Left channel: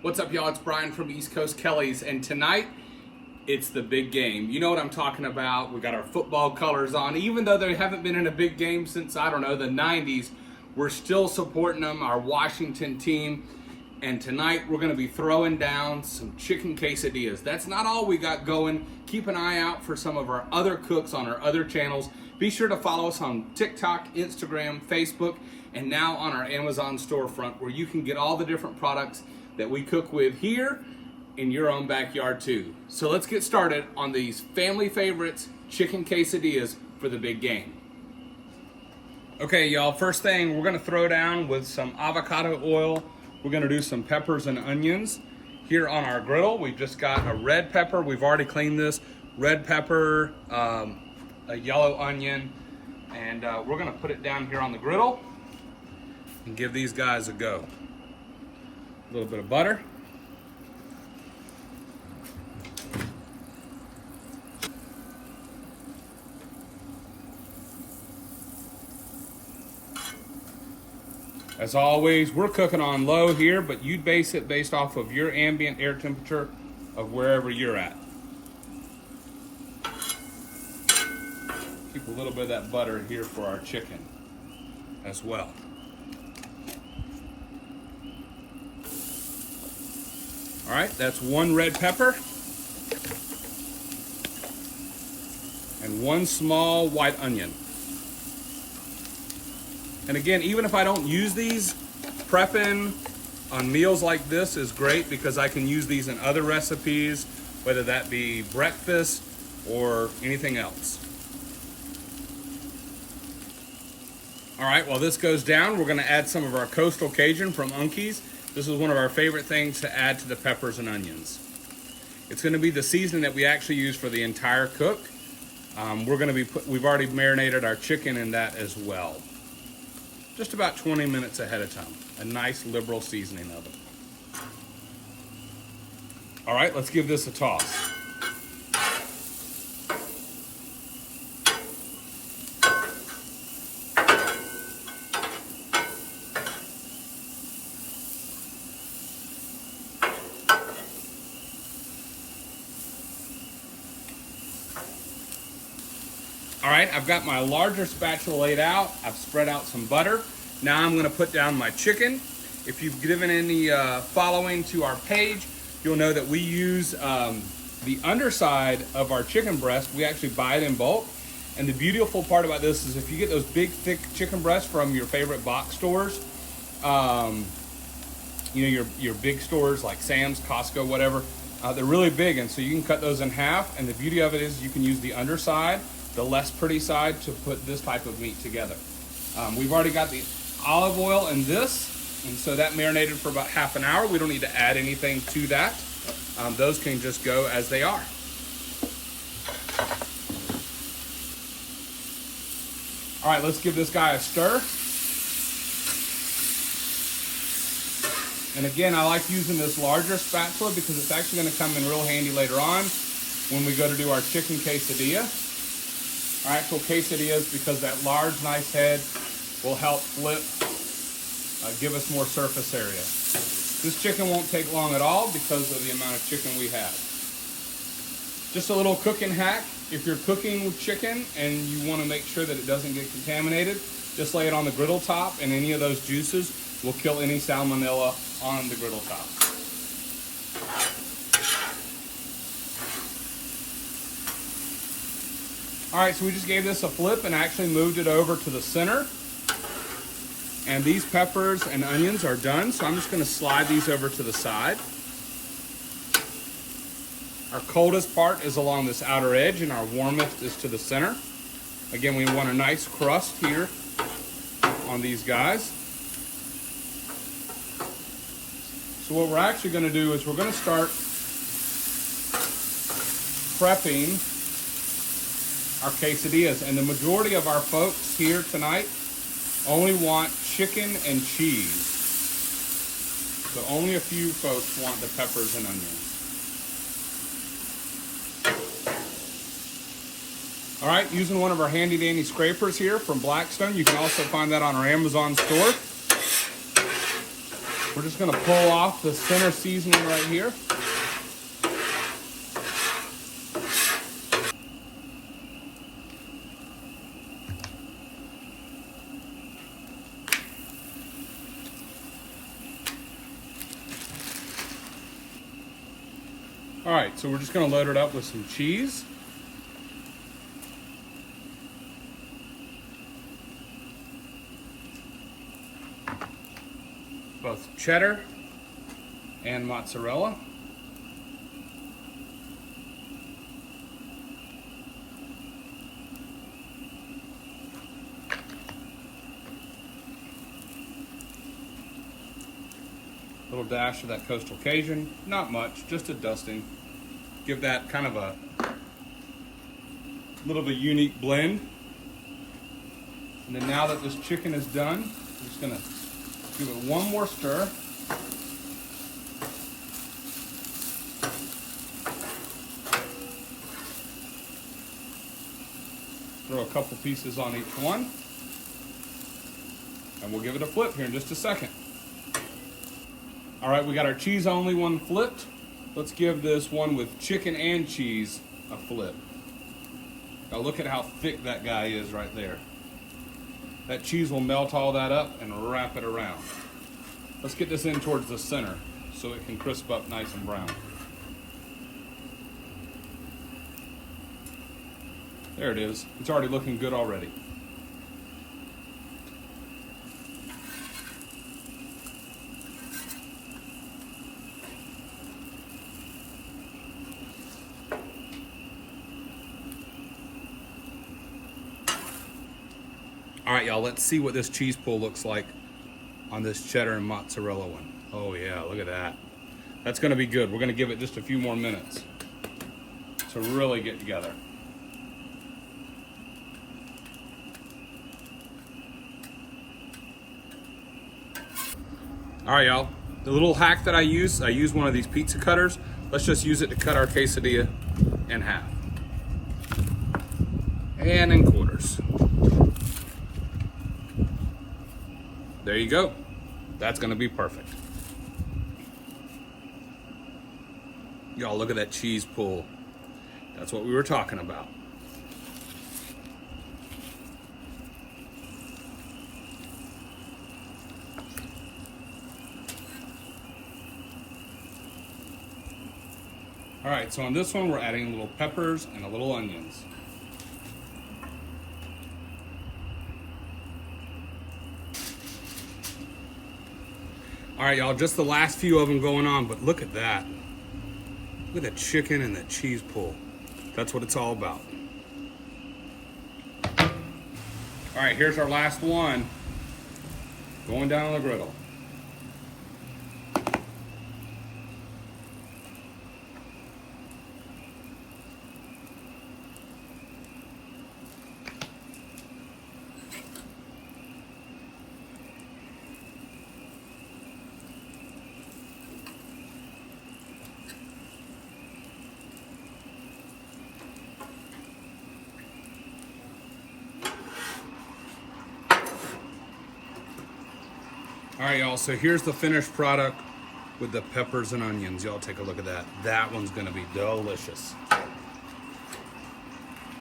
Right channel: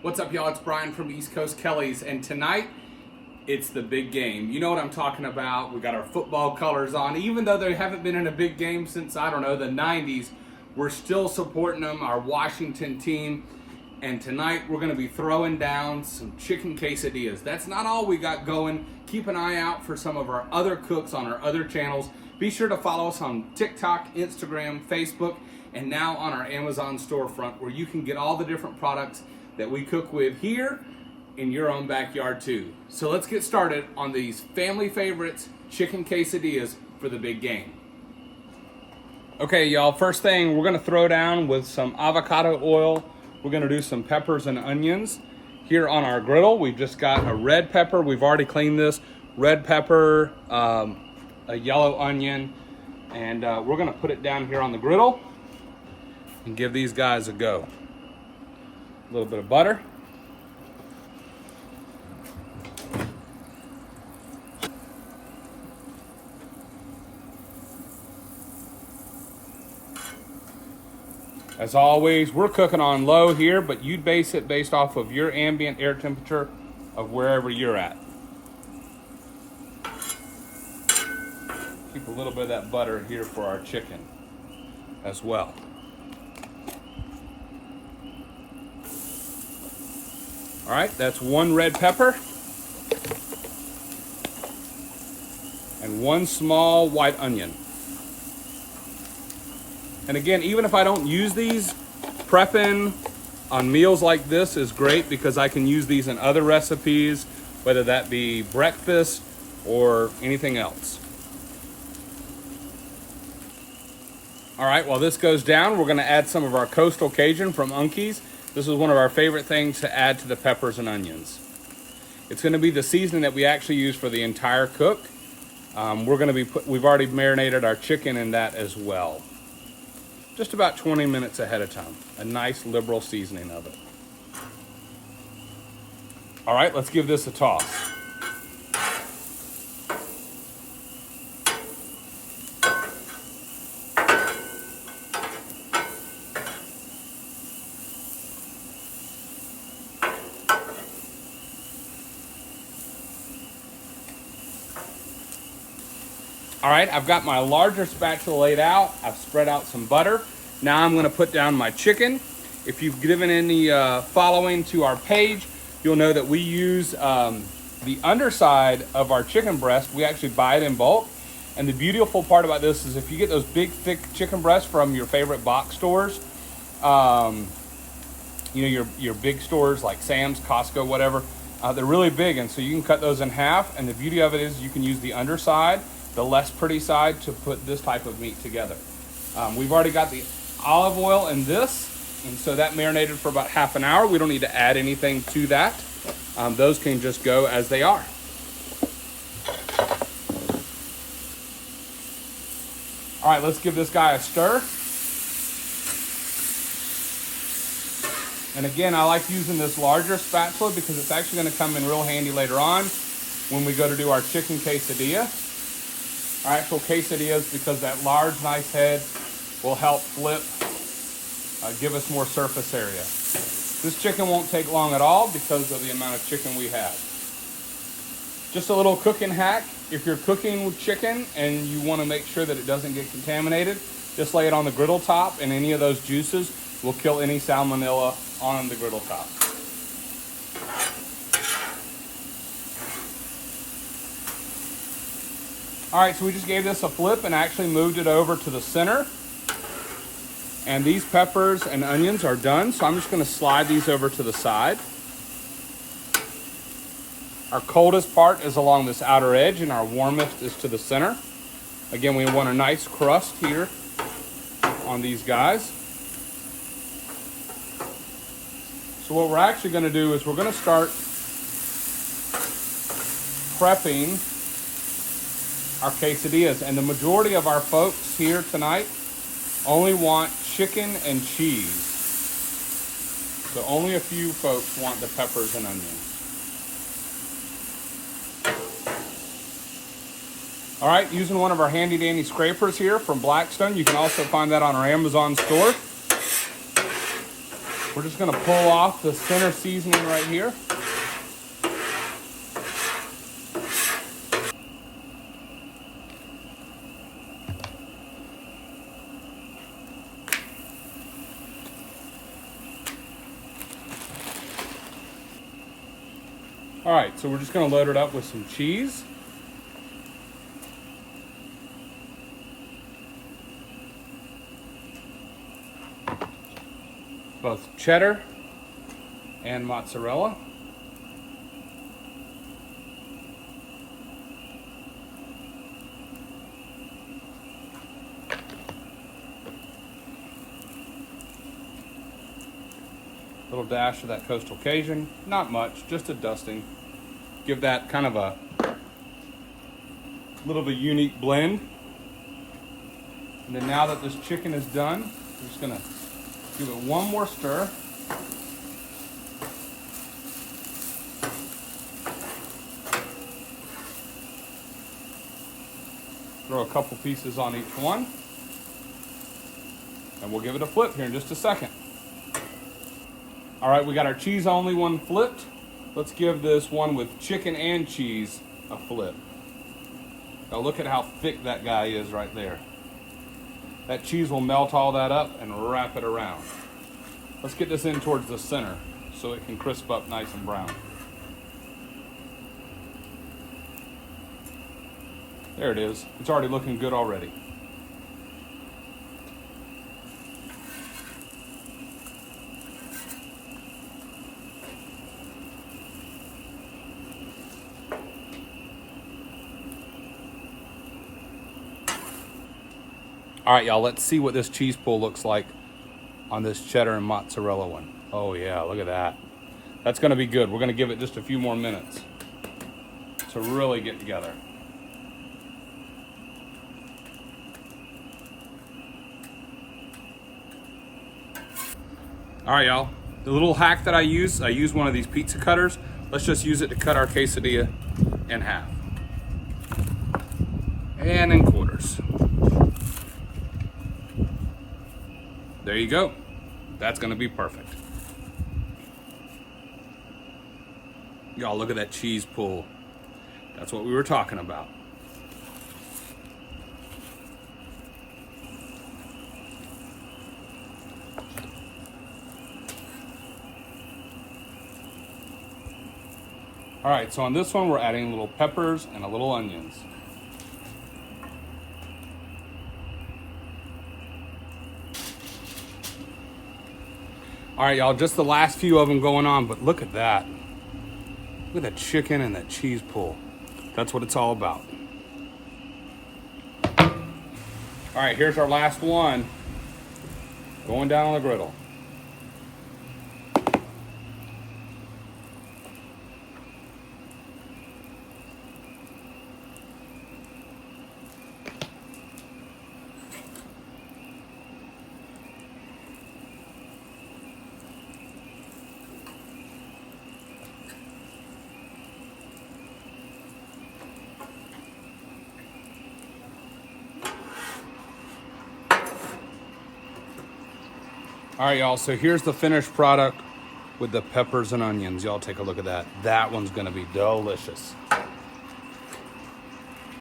What's up, y'all? It's Brian from East Coast Kelly's, and tonight it's the big game. You know what I'm talking about. We got our football colors on. Even though they haven't been in a big game since, I don't know, the 90s, we're still supporting them, our Washington team. And tonight we're going to be throwing down some chicken quesadillas. That's not all we got going. Keep an eye out for some of our other cooks on our other channels. Be sure to follow us on TikTok, Instagram, Facebook, and now on our Amazon storefront, where you can get all the different products that we cook with here in your own backyard too. So let's get started on these family favorites, chicken quesadillas for the big game. Okay, y'all, first thing, we're gonna throw down with some avocado oil. We're gonna do some peppers and onions. Here on our griddle, we've just got a red pepper. We've already cleaned this. Red pepper, a yellow onion, and we're gonna put it down here on the griddle and give these guys a go. A little bit of butter. As always, we're cooking on low here, but you'd base it based off of your ambient air temperature of wherever you're at. Keep a little bit of that butter here for our chicken as well. All right, that's one red pepper and one small white onion. And again, even if I don't use these, prepping on meals like this is great because I can use these in other recipes, whether that be breakfast or anything else. All right, while this goes down, we're gonna add some of our Coastal Cajun from Unky's. This is one of our favorite things to add to the peppers and onions. It's gonna be the seasoning that we actually use for the entire cook. We've already marinated our chicken in that as well. Just about 20 minutes ahead of time. A nice liberal seasoning of it. All right, let's give this a toss. All right, I've got my larger spatula laid out. I've spread out some butter. Now I'm gonna put down my chicken. If you've given any following to our page, you'll know that we use the underside of our chicken breast. We actually buy it in bulk. And the beautiful part about this is if you get those big, thick chicken breasts from your favorite box stores, you know, your big stores like Sam's, Costco, whatever, they're really big. And so you can cut those in half. And the beauty of it is you can use the underside, the less pretty side, to put this type of meat together. We've already got the olive oil in this, and so that marinated for about half an hour. We don't need to add anything to that. Those can just go as they are. All right, let's give this guy a stir. And again, I like using this larger spatula because it's actually going to come in real handy later on when we go to do our chicken quesadilla. Our actual quesadillas, because that large, nice head will help flip, give us more surface area. This chicken won't take long at all because of the amount of chicken we have. Just a little cooking hack. If you're cooking with chicken and you want to make sure that it doesn't get contaminated, just lay it on the griddle top, and any of those juices will kill any salmonella on the griddle top. All right, so we just gave this a flip and actually moved it over to the center. And these peppers and onions are done, so I'm just gonna slide these over to the side. Our coldest part is along this outer edge and our warmest is to the center. Again, we want a nice crust here on these guys. So what we're actually gonna do is we're gonna start prepping our quesadillas, and the majority of our folks here tonight only want chicken and cheese. So only a few folks want the peppers and onions. All right, using one of our handy dandy scrapers here from Blackstone. You can also find that on our Amazon store. We're just gonna pull off the center seasoning right here. All right, so we're just gonna load it up with some cheese. Both cheddar and mozzarella. Little dash of that coastal Cajun, not much, just a dusting. Give that kind of a little bit unique blend. And then now that this chicken is done, I'm just gonna give it one more stir. Throw a couple pieces on each one. And we'll give it a flip here in just a second. All right, we got our cheese only one flipped. Let's give this one with chicken and cheese a flip. Now look at how thick that guy is right there. That cheese will melt all that up and wrap it around. Let's get this in towards the center so it can crisp up nice and brown. There it is. It's already looking good already. All right, y'all, let's see what this cheese pull looks like on this cheddar and mozzarella one. Oh yeah, look at that. That's gonna be good. We're gonna give it just a few more minutes to really get together. All right, y'all, the little hack that I use one of these pizza cutters. Let's just use it to cut our quesadilla in half and in quarters. There you go. That's gonna be perfect. Y'all, look at that cheese pull. That's what we were talking about. All right, so on this one, we're adding little peppers and a little onions. All right, y'all, just the last few of them going on, but look at that. Look at that chicken and that cheese pull. That's what it's all about. All right, here's our last one. Going down on the griddle. All right, y'all, so here's the finished product with the peppers and onions. Y'all take a look at that. That one's gonna be delicious.